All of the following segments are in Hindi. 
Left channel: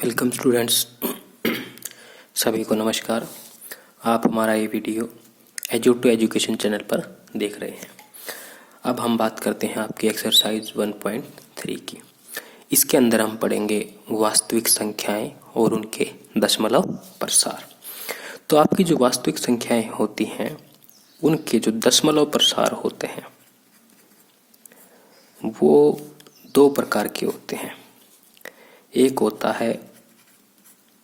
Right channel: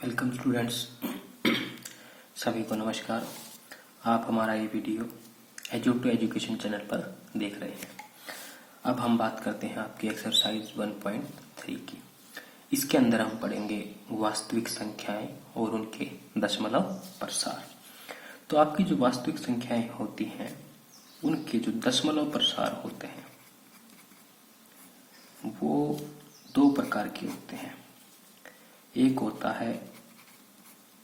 Welcome students. सभी को नमस्कार। आप हमारा ये video Edu to Education channel पर देख रहे हैं। अब हम बात करते हैं आपकी एक्सरसाइज 1.3 की। इसके अंदर हम पढ़ेंगे वास्तविक संख्याएं और उनके दशमलव प्रसार। तो आपकी जो वास्तविक संख्याएं होती हैं उनके जो दशमलव प्रसार होते हैं वो दो प्रकार के होते हैं। एक होता है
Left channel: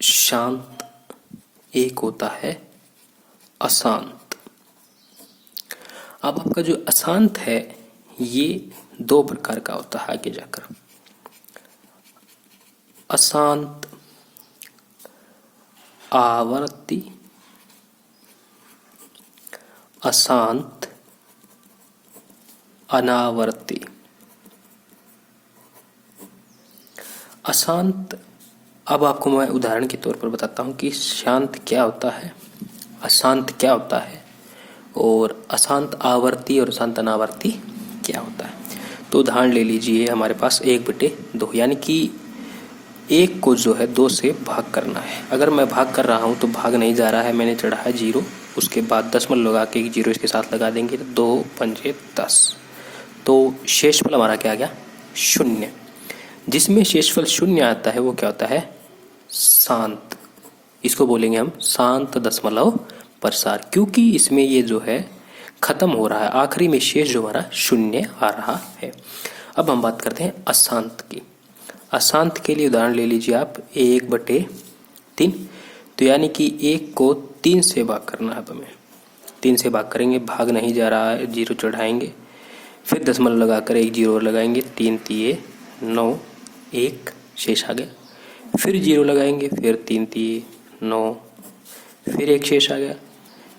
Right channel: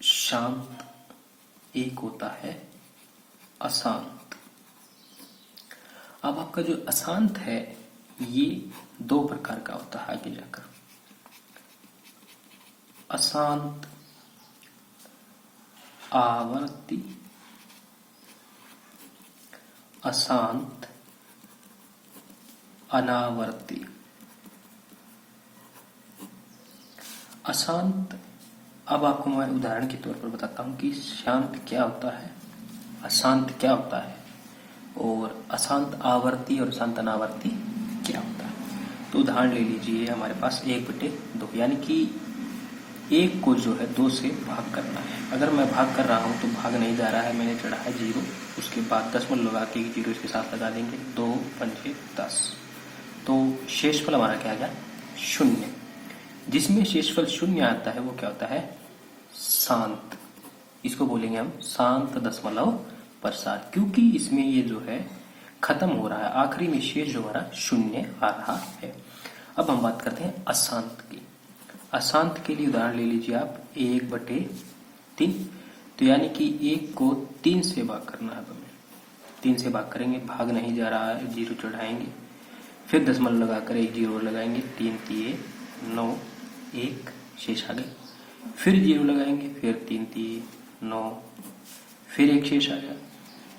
शांत, एक होता है अशांत। अब आपका जो अशांत है ये दो प्रकार का होता है आगे जाकर। अशांत आवर्ती, अशांत अनावर्ती। अशांत, अब आपको मैं उदाहरण के तौर पर बताता हूं कि शांत क्या होता है, अशांत क्या होता है और अशांत आवर्ती और अशांत अनावर्ती क्या होता है। तो उदाहरण ले लीजिए, हमारे पास 1/2 यानी कि एक को जो है 2 से भाग करना है। अगर मैं भाग कर रहा हूं तो भाग नहीं जा रहा है, मैंने चढ़ा है 0, उसके बाद दशमलव लगा के 0 इसके साथ लगा देंगे, 2 पंजे 10। तो शेषफल हमारा क्या आ गया? 0। जिसमें शेषफल 0 आता है वो क्या होता है? शांत। इसको बोलेंगे हम शांत दशमलव प्रसार, क्योंकि इसमें ये जो है खत्म हो रहा है, आखिरी में शेष जो हमारा 0 आ रहा है। अब हम बात करते हैं अशांत की। अशांत के लिए उदाहरण ले लीजिए आप 1/3। तो यानी कि 1 को 3 से भाग करना है हमें। 3 से भाग करेंगे, भाग नहीं जा रहा है, 0 चढ़ाएंगे, फिर दशमलव लगाकर 1 0 लगाएंगे, 3 3 9, 1 शेष आ गया। फिर 0 लगाएंगे, फिर 3 3 9, फिर 1 शेष आ गया,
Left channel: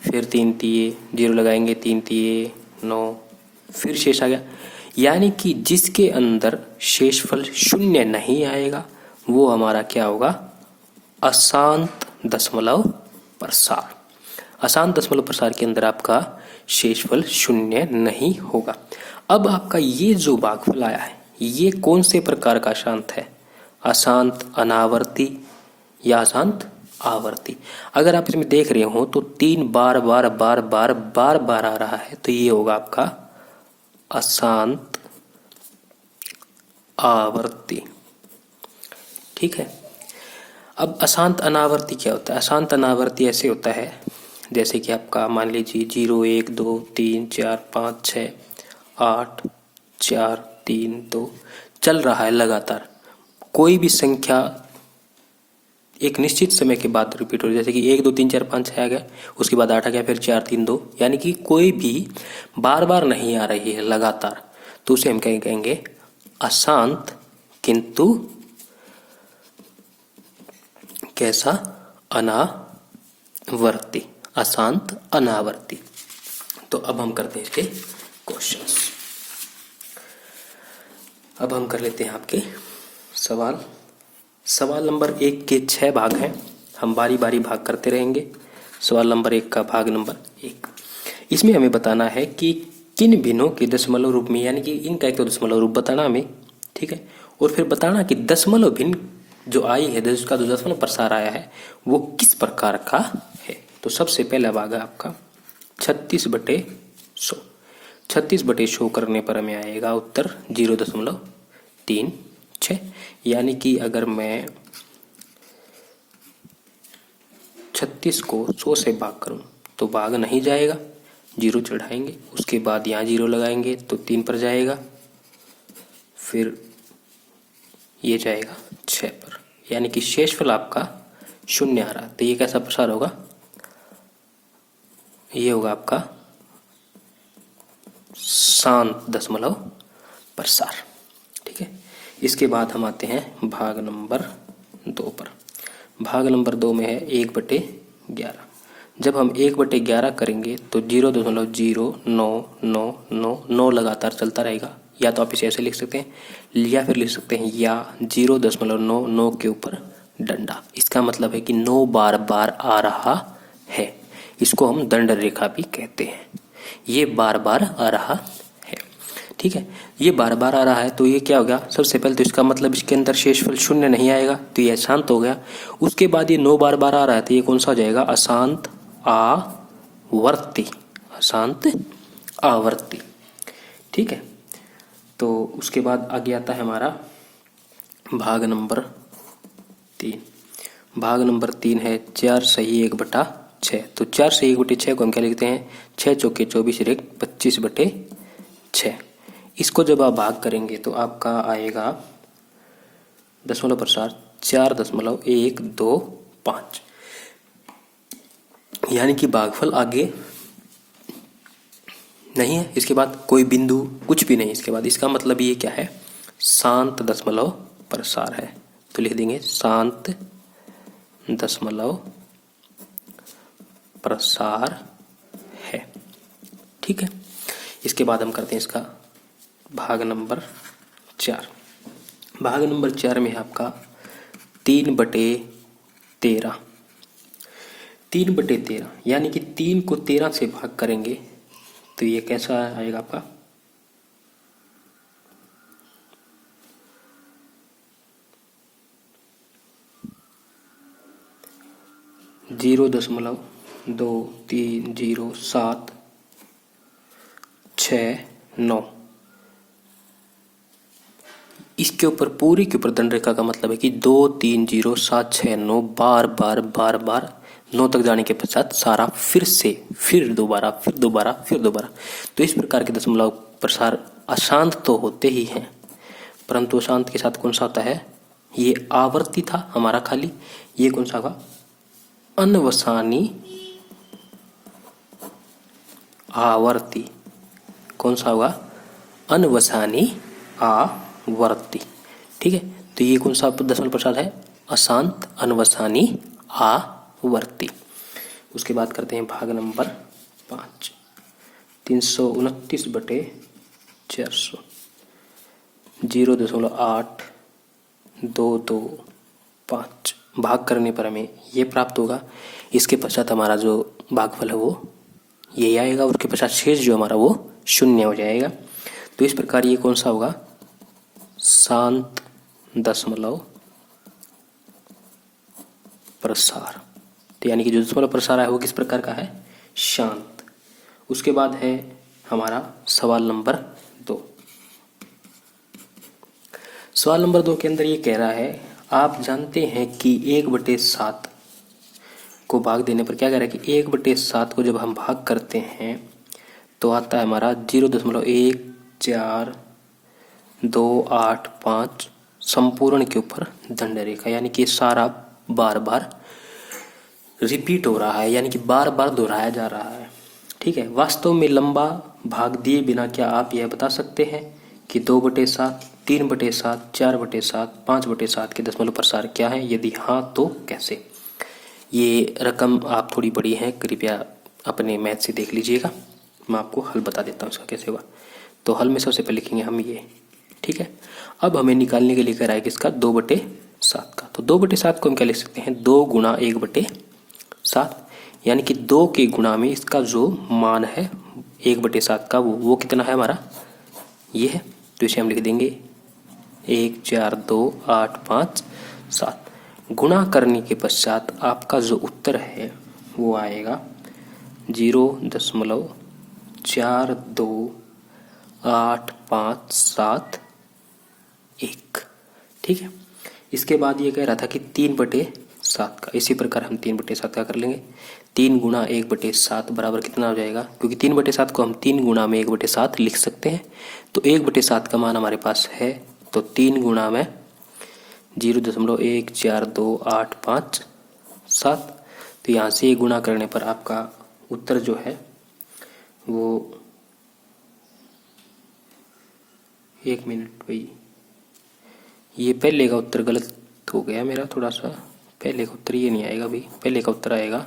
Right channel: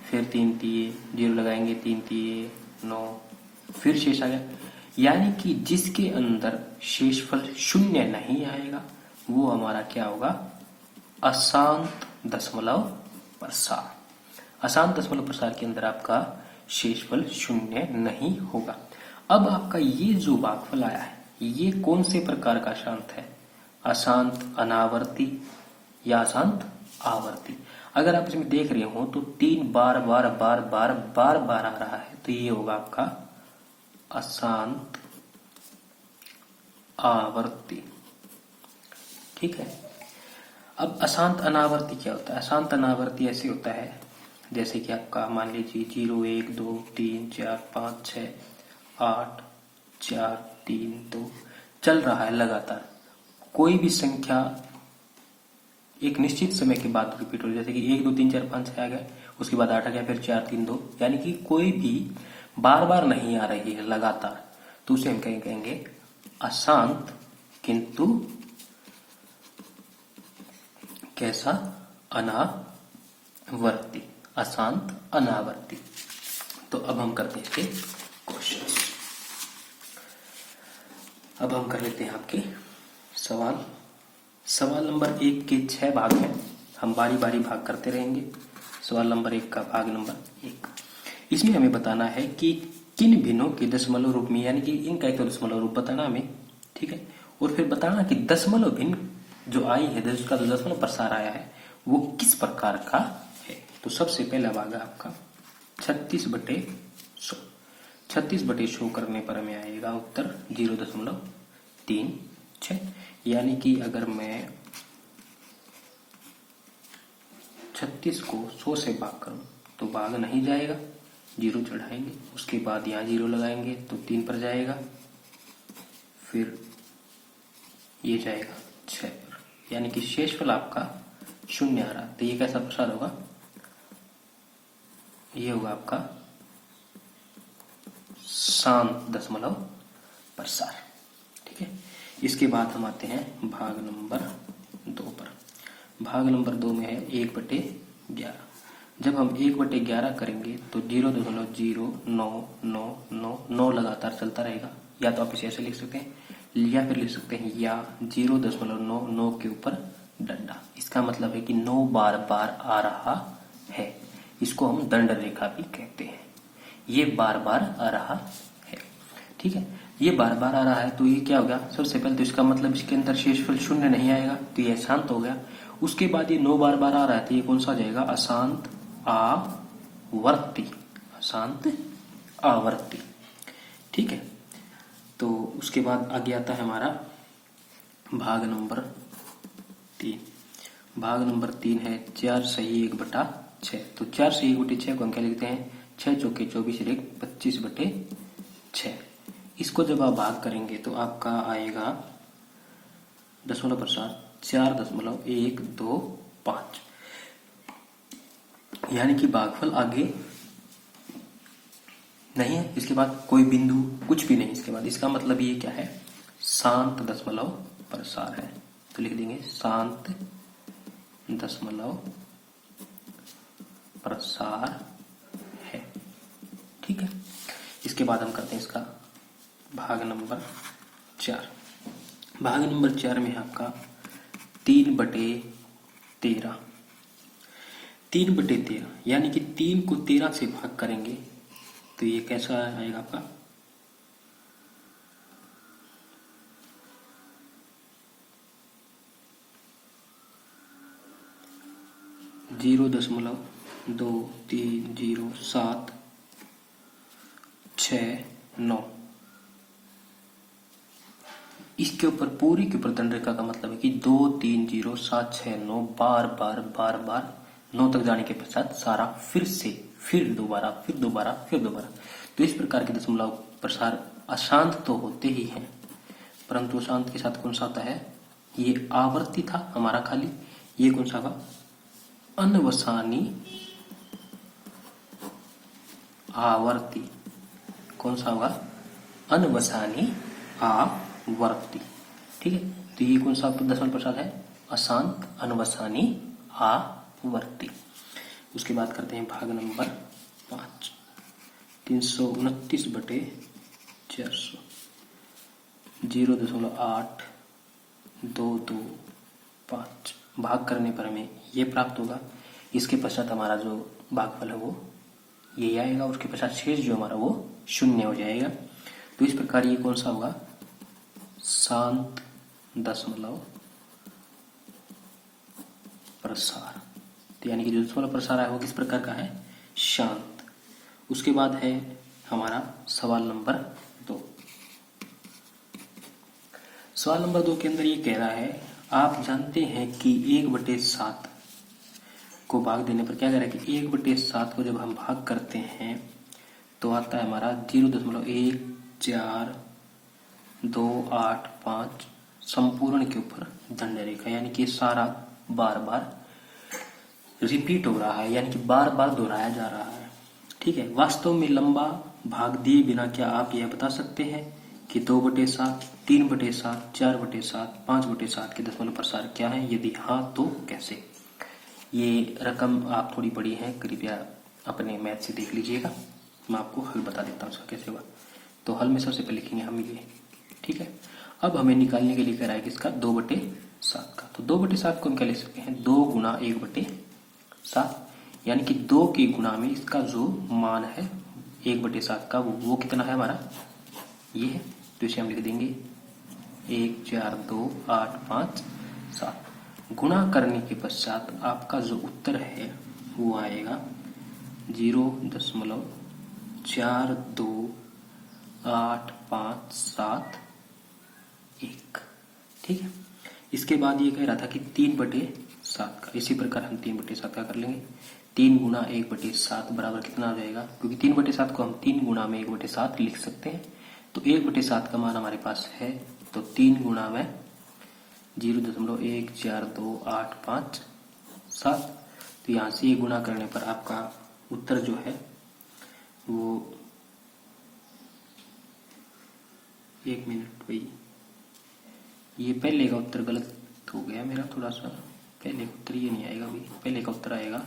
फिर 3 3 0 लगाएंगे, 3 3 9, फिर शेष आ गया। यानी कि जिसके अंदर शेषफल 0 नहीं आएगा वो हमारा क्या होगा? अशांत दशमलव प्रसार। अशांत दशमलव प्रसार के अंदर आपका शेषफल 0 नहीं होगा। अब आपका ये जो भागफल आया है ये कौन से प्रकार का अशांत है? अशांत अनावर्ती या अशांत आवर्ती। अगर आप इसमें देख रहे हो तो 3 बार बार बार बार बार बार आ रहा है, तो ये होगा आपका अशांत आवर्ती। ठीक है। अब अशांत अनावर्ती क्या होता है? अशांत अनावर्ती ऐसे होता है जैसे कि आपका मान लीजिए 0 1 2 3 4 5 6 8 4 3 2 चल रहा है लगातार। कोई भी संख्या एक निश्चित समय के बाद रिपीट हो रही है, जैसे कि 1 2 3 4 5 6 आ गया, उसके बाद 8 आ गया, फिर 4 3 2, यानी कि कोई भी बार बार नहीं आ रही है लगातार, तो उसे हम कहेंगे अशांत किंतु कैसा? अनावर्ती। अशांत अनावर्ती। तो अब हम करते हैं इसके क्वेश्चंस। अब हम कर लेते हैं आपके सवाल। सवाल नंबर 1 के 6 भाग हैं, हम बारी बारी भाग करते रहेंगे। सवाल नंबर 1 का भाग नंबर 1, इसमें हमें बताना है कि किन भिन्नों के दशमलव रूप में, यानी कि इनका एक तो दशमलव रूप बताना हमें, ठीक है, और फिर बताना कि दशमलव भिन्न जो आई है, जिसका जो दशमलव प्रसार आया है वो किस प्रकार का है। तो सबसे पहला भाग है आपका 36/100। 36/100 करने पर हमें आएगा उत्तर 0.36। यानी कि अगर मैं 36 को 100 से भाग करूं तो भाग नहीं जाएगा, 0 चढ़ाएंगे, उसके बाद यहाँ 0 लगाएंगे तो 3 पर जाएगा, फिर ये जाएगा 6 पर, यानी कि शेषफल आपका 0 आ रहा है। तो ये कैसा प्रसार होगा? ये होगा आपका शांत दशमलव प्रसार। ठीक है। इसके बाद हम आते हैं भाग नंबर 2 पर। भाग नंबर 2 में है 1/11। जब हम 1/11 करेंगे तो 0.099999 लगातार चलता रहेगा। या तो आप इसे ऐसे लिख सकते हैं या फिर लिख सकते हैं या 0.99 के ऊपर डंडा। इसका मतलब है कि 9 बार बार आ रहा है। इसको हम दंड रेखा भी कहते हैं। ये बार बार आ रहा है। ठीक है, ये बार बार आ रहा है तो ये क्या हो गया, सबसे पहले तो इसका मतलब इसके अंदर शेषफल शून्य नहीं आएगा, तो ये अशांत हो गया। उसके बाद ये 9 बार बार आ रहा है तो ये कौन सा हो जाएगा, अशांत आवर्ती, अशांत आवर्ती। ठीक है, तो उसके बाद आगे आता है हमारा भाग नंबर 3। भाग नंबर 3 है 4 सही 1/6। तो 4 सही 1/6 को हम क्या लिखते हैं, 6 चौके 24 रेख 25/6। इसको जब आप भाग करेंगे तो आपका आएगा दशमलव प्रसार 4.125, यानी कि भागफल आगे नहीं है, इसके बाद कोई बिंदु कुछ भी नहीं, इसके बाद इसका मतलब ये क्या है, शांत दशमलव प्रसार है। तो लिख देंगे शांत दशमलव प्रसार है। ठीक है, इसके बाद हम करते हैं इसका भाग नंबर 4। भाग नंबर 4 में है आपका 3/13। 3/13 यानी कि 3 को 13 से भाग करेंगे तो ये कैसा आएगा आपका, 0.230769। इसके ऊपर पूरी के ऊपर दंड रेखा का मतलब है कि 23076 बार बार बार बार 9 तक जाने के पश्चात सारा फिर दोबारा। तो इस प्रकार के दशमलव प्रसार अशांत तो होते ही हैं, परंतु अशांत के साथ कौन सा आता है, ये आवर्ती था हमारा खाली, ये कौन सा होगा, अनवसानी आवर्ती। कौन सा होगा, अनवसानी आवर्ती। ठीक है, तो ये कौन सा दशमलव प्रसार है, अशांत अनवसानी आवर्ती। उसके बाद करते हैं भाग नंबर 5। 329/400 0.8225 भाग करने पर हमें ये प्राप्त होगा। इसके पश्चात हमारा जो भागफल है वो ये आएगा, उसके पश्चात शेष जो हमारा वो शून्य हो जाएगा। तो इस प्रकार ये कौन सा होगा, शांत दशमलव प्रसार। तो यानी कि जो दशमलव प्रसार है वो किस प्रकार का है, शांत। उसके बाद है हमारा सवाल नंबर 2। सवाल नंबर 2 के अंदर ये कह रहा है, आप जानते हैं कि 1/7 को भाग देने पर क्या कह रहा है कि 1/7 को जब हम भाग करते हैं तो आता है हमारा 0.14285 संपूर्ण के ऊपर दंड रेखा, यानी कि सारा बार बार रिपीट हो रहा है, यानी कि बार बार दोहराया जा रहा है। ठीक है, वास्तव में लंबा भाग दिए बिना क्या आप यह बता सकते हैं कि 2/7, 3/7, 4/7, 5/7 के दशमलव प्रसार क्या है, यदि हाँ तो कैसे। ये रकम आप थोड़ी बड़ी है, कृपया अपने मैथ से देख लीजिएगा, मैं आपको हल बता देता हूँ इसका कैसे हुआ। तो हल में सबसे पहले लिखेंगे हम ये। ठीक है, अब हमें निकालने के लिए कह रहा है किसका, 2/7 का। तो 2/7 को हम क्या लिख सकते हैं, 2 गुणा 1/7, यानी कि 2 के गुणा में इसका जो मान है 1/7 का वो कितना है हमारा, ये है। तो इसे हम लिख देंगे 1 4 2 8 5 7। गुणा करने के पश्चात आपका जो उत्तर है वो आएगा 0.42857 ठीक है, इसके बाद ये कह रहा था कि 3/7 का, इसी प्रकार हम 3/7 का कर लेंगे। 3 गुणा 1/7 बराबर कितना हो जाएगा, क्योंकि 3/7 को हम 3 गुणा में 1/7 लिख सकते हैं। तो 1/7 का मान हमारे पास है, तो 3 गुणा में 0.1428557। तो यहाँ से गुणा करने पर आपका उत्तर जो है वो, एक मिनट भाई, ये पहले का उत्तर गलत हो गया मेरा थोड़ा सा। पहले का उत्तर ये नहीं आएगा भाई, पहले का उत्तर आएगा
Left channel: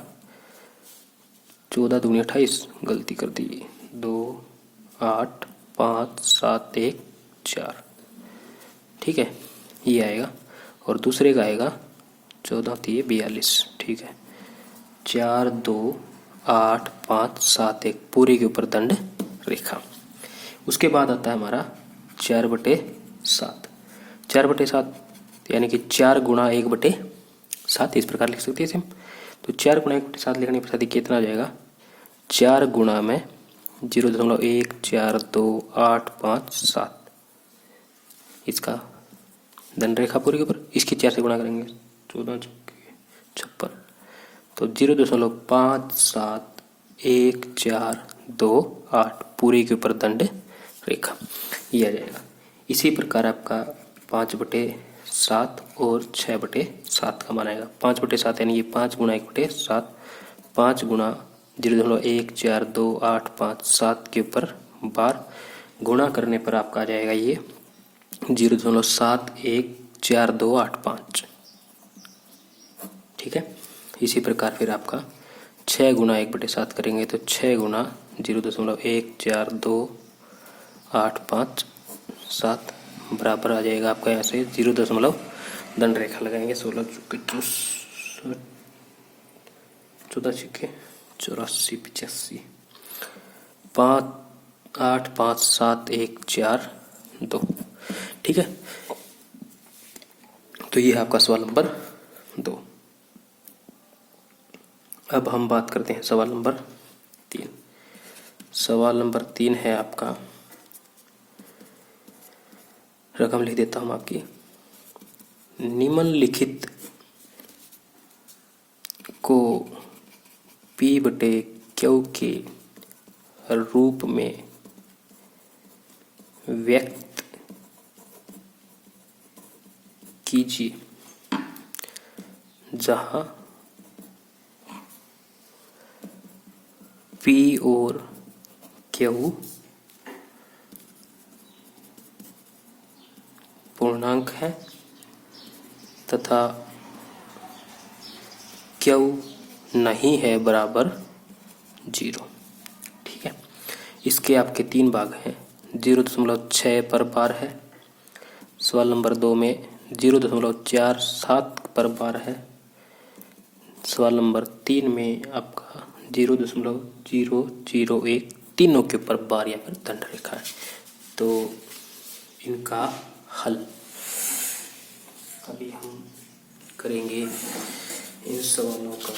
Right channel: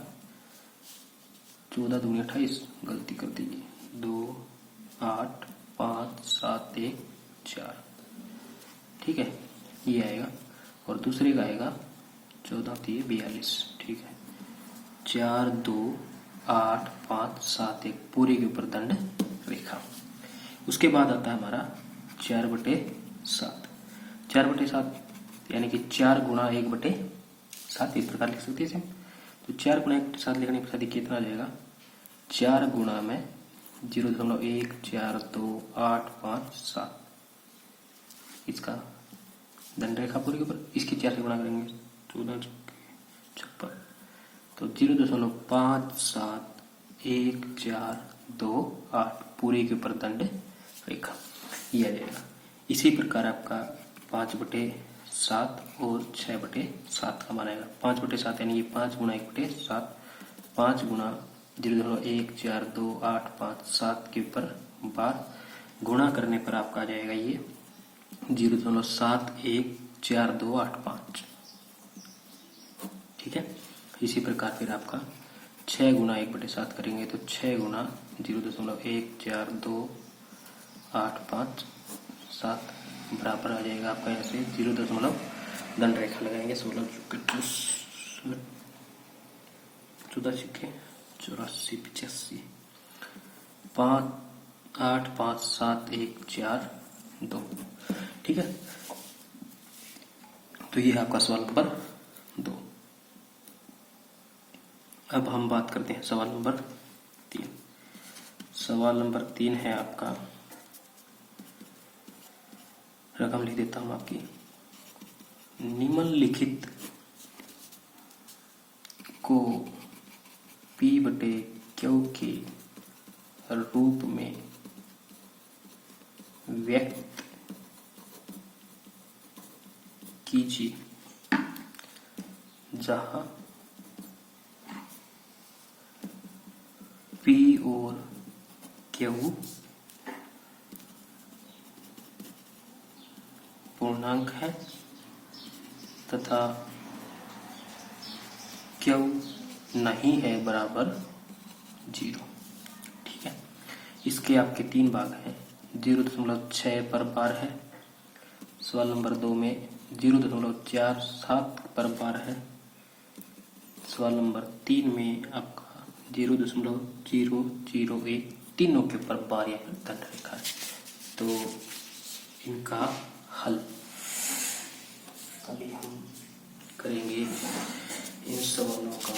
14 दूनी 28, गलती कर दी, 2 8 5 7 1 4। ठीक है, ये आएगा, और दूसरे का आएगा 14 3 42। ठीक है, 4 2 8 5 7 1 पूरे के ऊपर दंड रेखा। उसके बाद आता है हमारा 4/7। 4/7 यानी कि 4 गुणा 1/7, इस प्रकार लिख सकते हैं इसे हम। तो 4 गुणा 1/7 लिखने पर देखिए कितना आ जाएगा, 4 गुणा में 0.142857, इसका धन रेखा पूरी के ऊपर इसकी 4 से गुणा करेंगे, 14×56, तो 0.571428 पूरी के ऊपर दंड रेखा ये आ जाएगा। इसी प्रकार आपका 5/7 और 6/7 का बनाएगा। 5/7 यानी ये 5 गुणा 1/7, 5 गुणा 0.142857 के ऊपर बार गुणा करने पर आपका आ जाएगा ये 0.714285। ठीक है। इसी प्रकार फिर आपका 6 गुणा 1/7 करेंगे तो 6 गुणा 0.14285 बराबर आ जाएगा आपका ऐसे 0 दंड रेखा लगाएंगे। 16 चुके 14 छक्के 84 85 5 8 5 7 1 4 2। ठीक है, तो ये आपका सवाल नंबर 2। अब हम बात करते हैं सवाल नंबर 3। सवाल नंबर 3 है आपका, रकम लिख देता हूं आपकी, निम्नलिखित को P/Q के रूप में व्यक्त कीजिए, जहां P और Q पूर्णांक है तथा Q नहीं है बराबर 0। ठीक है, इसके आपके 3 भाग हैं। 0.6 पर बार है, सवाल नंबर 2 में 0.47 पर बार है, सवाल नंबर 3 में आपका 0.001 तीनों के ऊपर बार या फिर दंड रेखा है। तो इनका हल अभी हम करेंगे इन सवालों का